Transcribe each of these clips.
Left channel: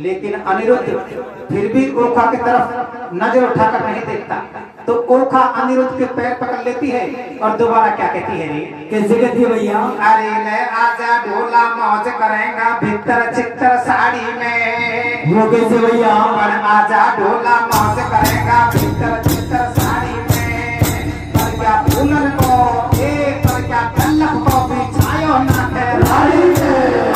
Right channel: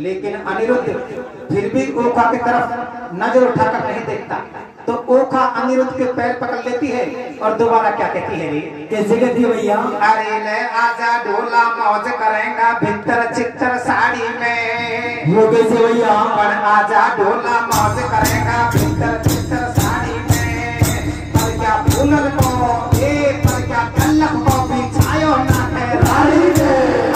लेकिन अनिरुद्ध फिर भी ओखा की तरफ नजर उठाकर नहीं देखता। तो ओखा अनिरुद्ध के पैर पकड़ लेती है और दोबारा क्या कहती है रे? कैसे कहती है भैया? अरे ले आजा ढोला मौज करेगा भीतर चित्तर साड़ी में। वो कैसे भैया? आजा ढोला मौज करेगा भीतर चित्तर साड़ी में। पर क्या फूलन को पर क्या कल्लक को बिछायो ना राड़ी में।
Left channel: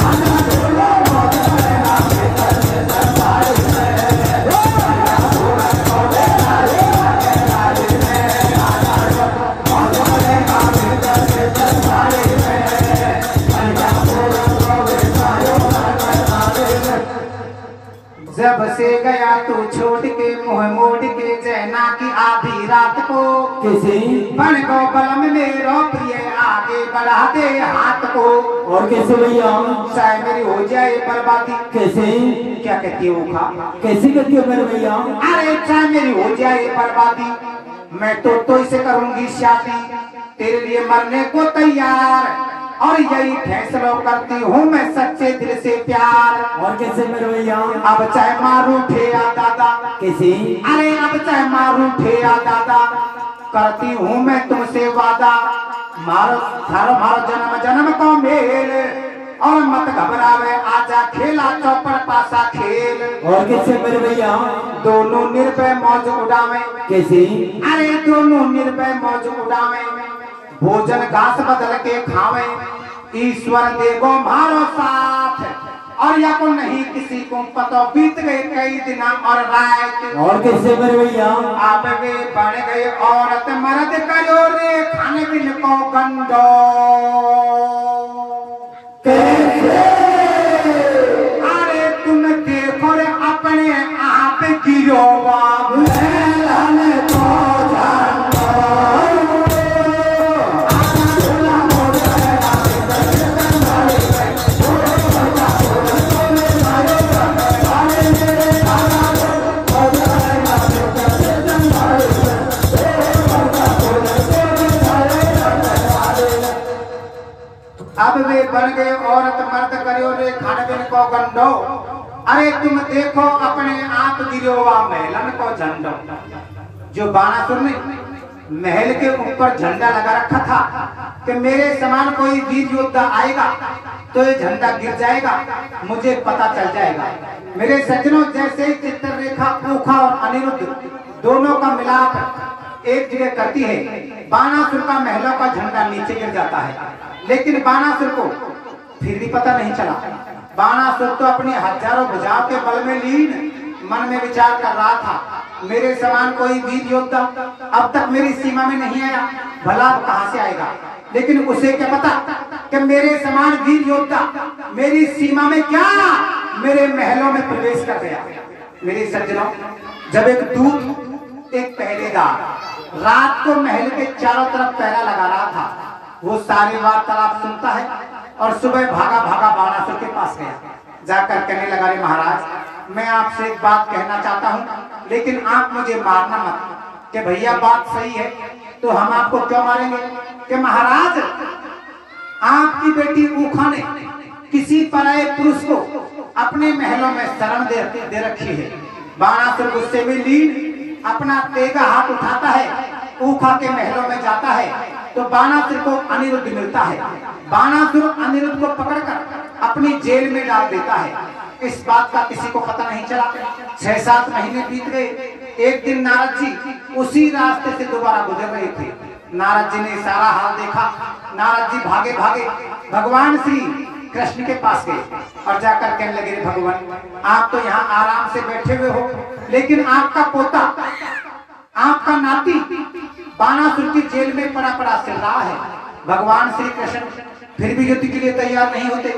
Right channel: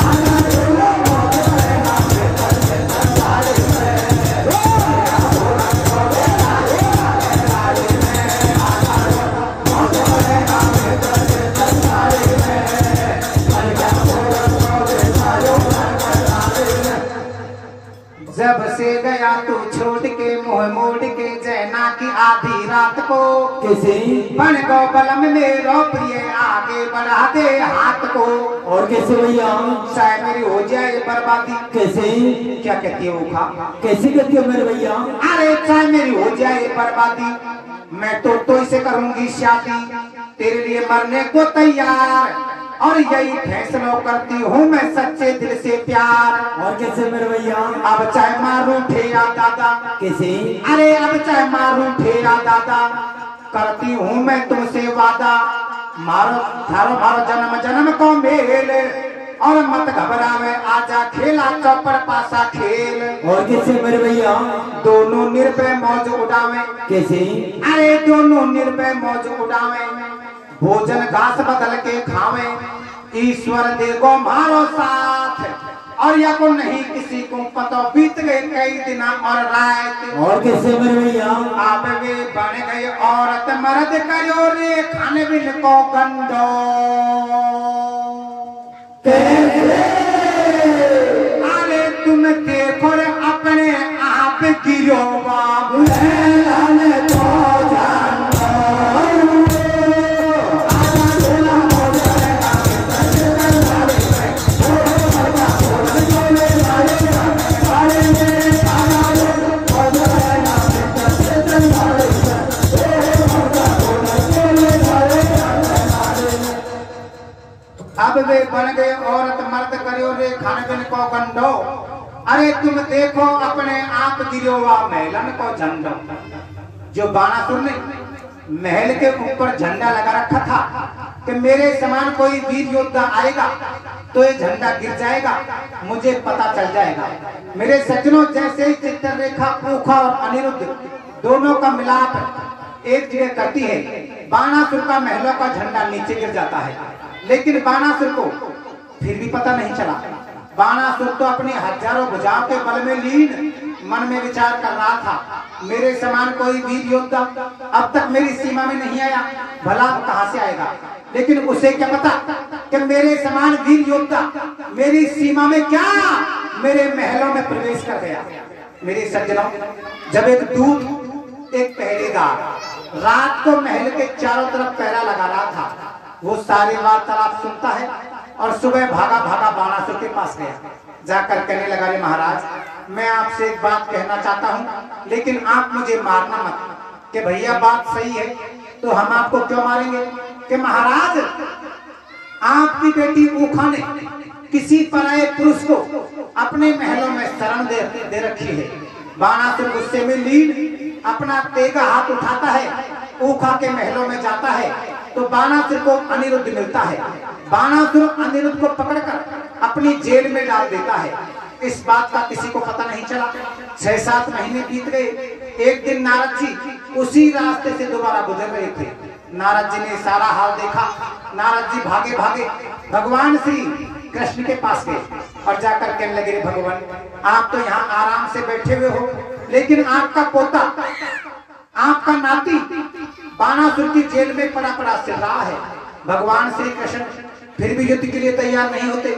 जब से गया तू छोड़ के मुँह मोड़ के जैना की आधी रात को। कैसे? बन गो बलम मेरो प्रिय आगे बढ़ा दे हाथ को। और कैसे भैया? शायद मेरी हो जाए बर्बादी। कैसे? क्या कहती है ओखा? कैसे कहती है मेरे भैया? अरे चाहे मेरी हो जाए बर्बादी, मैं तो इसे करूंगी शादी। तेरे लिए मरने को तैयार और यही फैसला करती हूँ मैं सच्चे दिल से प्यार। और कैसे मेरे भैया? अब चाहे मारू ठे या दादा। कैसे? अरे अब चाहे मारू ठे या दादा, करती हूँ मैं तुमसे वादा। मारो थारो मारो जन्म जन्म को मेल और मत घबरावे आजा खेला चौपर पासा खेल। और कैसे मेरे भैया? दोनों निर्भय मौज उड़ावे। कैसे? अरे दोनों निर्भय मौज उड़ावे, भोजन घास बदल के खावे। ईश्वर देगो मारो साथ और या को नहीं किसी को पता। बीत गए कई दिन और रात। और कैसे मेरे भैया? आप वे बन गए औरत मर्द करो रे खाने बिन को गंडो। अरे तुम देखो रे अपने आप गिरो बाबू। अब वे बन गए औरत मर्द करियो रे खान बिन को गंडो। अरे तुम देखो अपने आप गिरो वा महलन को झंडो। जो बाणासुर ने महल के ऊपर झंडा लगा रखा था कि मेरे समान कोई वीर योद्धा आएगा तो ये झंडा गिर जाएगा, मुझे पता चल जाएगा। मेरे सज्जनों, जैसे ही चित्ररेखा ओखा और अनिरुद्ध दोनों का मिलाप एक जगह करती है, बाणासुर का महलों का झंडा नीचे गिर जाता है। लेकिन बाणासुर को फिर भी पता नहीं चला। बाणासुर तो अपनी हजारों भुजाओं के बल में लीन मन में विचार कर रहा था, मेरे समान कोई वीर योद्धा अब तक मेरी सीमा में नहीं आया, भला कहां से आएगा। लेकिन उसे क्या पता कि मेरे समान वीर योद्धा मेरी सीमा में क्या मेरे महलों में प्रवेश कर गया। मेरे सज्जनों, जब एक दूत एक पहरेदार रात को महल के चारों तरफ पहरा लगा रहा था, वो सारी वार्तालाप सुनता है और सुबह भागा भागा बाणासुर के पास गया। जाकर कहने लगा, रे महाराज, मैं आपसे एक बात कहना चाहता हूँ, लेकिन आप मुझे मारना मत। कि भैया बात सही है, तो हम आपको क्यों मारेंगे? कि महाराज, आपकी बेटी ओखा ने किसी पराये पुरुष को अपने महलों में शरण दे रखी है। बाणासुर गुस्से में लीन अपना तेगा हाथ उठाता है, ओखा के महलों में जाता है, तो बाणासुर को अनिरुद्ध मिलता है। बाणासुर अनिरुद्ध को पकड़कर अपनी जेल में डाल देता है। इस बात का किसी को पता नहीं चला। 6-7 महीने बीत गए। एक दिन नारद जी उसी रास्ते से दोबारा गुजर रहे थे। नारद जी ने सारा हाल देखा। नारद जी भागे भागे भगवान श्री कृष्ण के पास गए और जाकर कहने लगे, भगवान, आप तो यहाँ आराम से बैठे हुए हो, लेकिन आपका पोता, आपका नाती बाणासुर की जेल में पड़ा पड़ा सिर रहा है। भगवान श्री कृष्ण फिर भी युद्ध के लिए तैयार नहीं होते,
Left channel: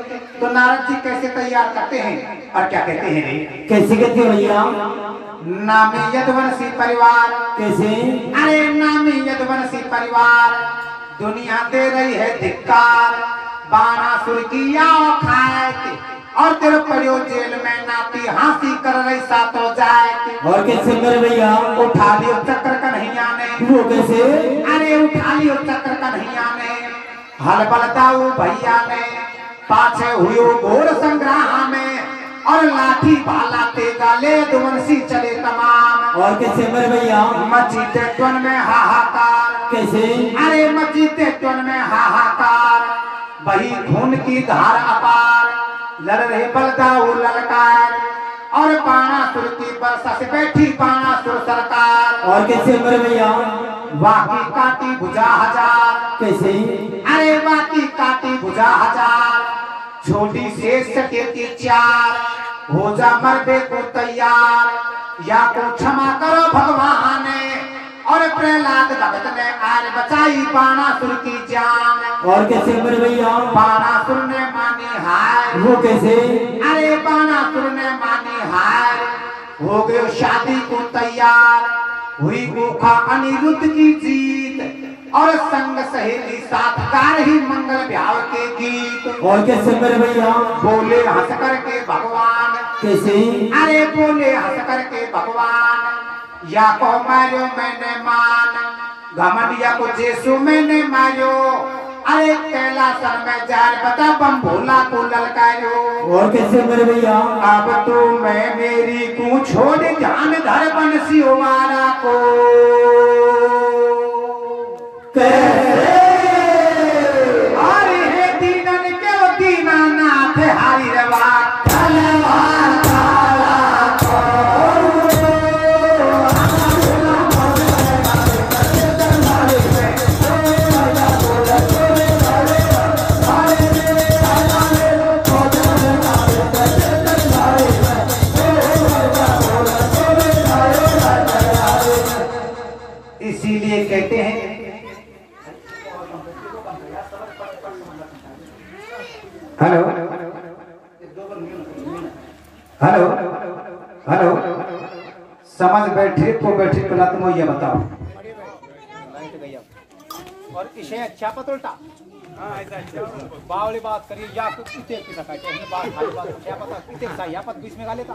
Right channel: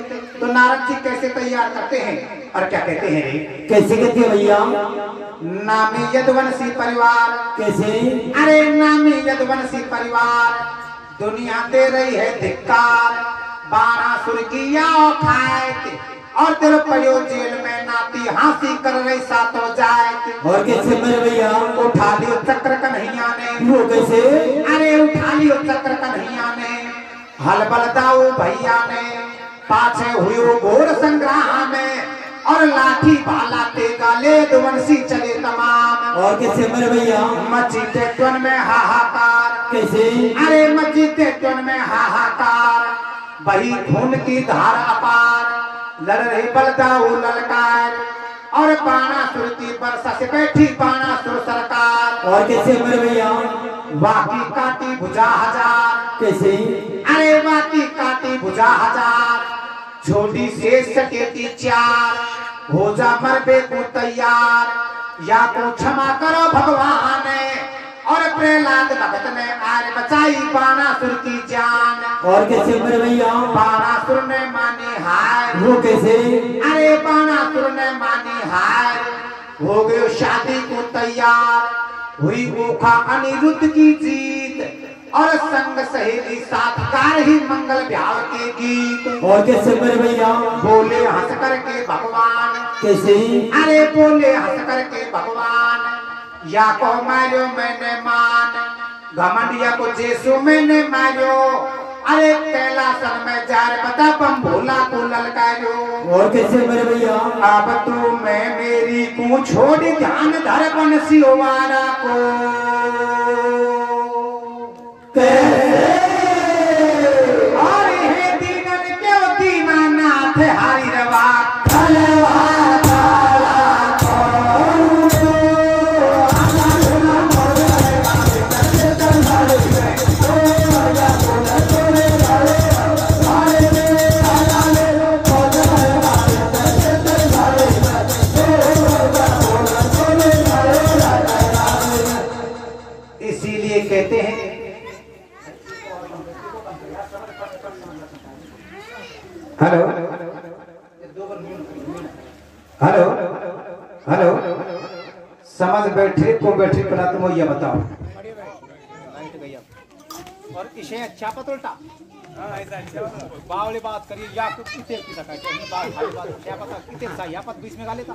तो नारद जी कैसे तैयार करते हैं और क्या कहते हैं? कैसे कहते हैं भैया? नामी यदुवंशी परिवार। कैसे? अरे नामी यदुवंशी परिवार दुनिया दे रही है धिक्कार। बाणासुर की आओ खाए और तेरे पड़ियो जेल में नाती हंसी कर रही सातों जाए। और कैसे मेरे भैया? उठा लियो चक्र कन्हैया ने। वो कैसे? अरे उठा लियो चक्र कन्हैया ने, हल बल दाऊ भैया ने, पाछे हुई घोर संग्राम में और लाठी भाला ते गाले दुवंशी चले तमाम। और कैसे मेरे भैया मची टेटवन में हाहाकार, कैसे अरे मची टेटवन में हाहाकार, वही खून की धार अपार, लड़ रहे बलदाऊ ललकार, और बाणासुर की बरसा से बैठी बाणासुर सरकार। और कैसे मेरे भैया वाकी काटी भुजा हजार, कैसे अरे वाकी काटी भुजा हजार, छोटी शेष सकेती चार, हो जा मरबे को तैयार, या को क्षमा करो भगवान, और प्रहलाद भगत ने आज बचाई बाणासुर की जान। और कैसे मेरे भैया बाणासुर ने मानी हार, वो कैसे अरे बाणासुर ने मानी हार, हो गए शादी को तैयार, हुई ओखा अनिरुद्ध की जीत, और संग सहेली साथ कार ही मंगल ब्याह के गीत। और कैसे मेरे भैया बोले हंस करके भगवान, कैसे अरे बोले हंस करके भगवान, या को मारो मैंने मान, घमंडिया को जेसु मैंने मारो, अरे कैलासन में जार बता बम भोला को ललकारो। और कैसे मेरे भैया अब तो मैं मेरी को छोड़ ध्यान धर बंसी वाला को, और हे दीनन के दीनानाथ हरि रवा इसीलिए कहते हैं हेलो हेलो हेलो, समझ बैठे को बैठे पहला तुम ये बताओ। लाइट गई अब और इसे अच्छा पतलटा बावली बात करिए या कितने की सका बात खाली बात क्या पता कितने सही या पत बीच में गा लेता।